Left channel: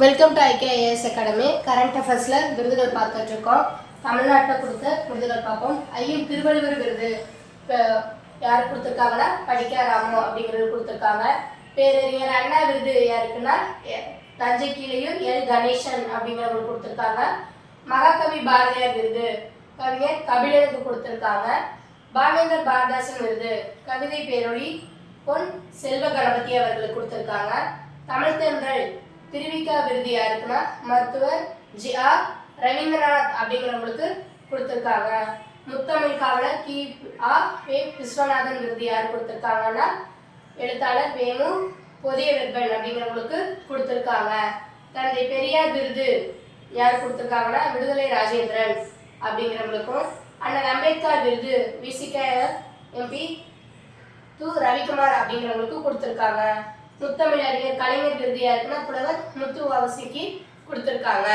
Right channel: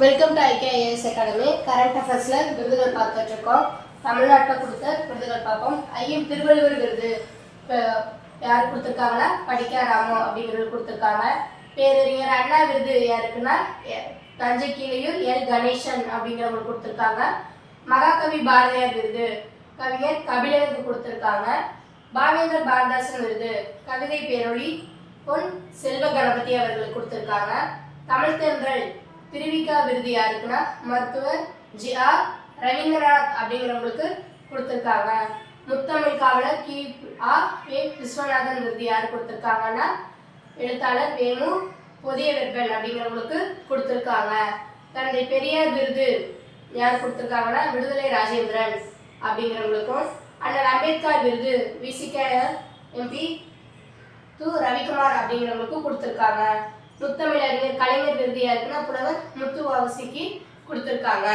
Welcome to IKIS academy. Current அஃபேர்ஸில் விருதுகள் பார்த்துட்டு இருக்கோம். தமிழ்நாட்டில் கொடுத்த விருதுகள் பார்ப்போம். ஐயன் திருவள்ளுவர் விருது இப்போ யார் கொடுத்துருக்காங்கன்னா படிக்க ராமோ அப்படிங்கிறது கொடுத்துருக்காங்க. பேரறிஞர் அண்ணா விருது யாருக்குன்னா தஞ்சை கீழையூர் எல் கணேசன் அப்படிங்கிறவங்களுக்கு கொடுத்துருக்காங்க. மகாகவி பாரதியார் விருது கவிஞர் கபிலனுக்கு கொடுத்துருக்காங்க. பாவேந்தர் பாரதாசன் விருது கவிதை பேரொழி பொன் செல்வ கணபதி அவர்களுக்கு கொடுத்துருக்காங்க. தமிழ் தென்றல் திருவிக்கா விருது யாருக்குன்னா மருத்துவர் GR ரவீந்திரநாத் அப்படிங்கிறவங்களுக்கு கொடுத்துருக்காங்க. முத்தமிழ் காவலர் KA விஸ்வநாதன் விருது யார் கொடுத்துருக்காங்கன்னா எழுத்தாளர் வேணு பொதிய வெப்பன் அப்படிங்கிறவங்களுக்கு கொடுத்துருக்காங்க. தந்தை பெரியார் விருது யார் கொடுத்துருக்காங்கன்னா விடுதலை ராஜேந்திரன் அப்படிங்கிறவங்களுக்கும். அண்ணல் அம்பேத்கர் விருது VCK MP ரவிக்குமார் அப்படிங்கிறவங்களுக்கு கொடுத்துருக்காங்க. முத்தமிழறிஞர் கலைஞர் விருது யாருக்குன்னா புலவர் முத்துவாவசிக்கு கொடுத்துருக்காங்க.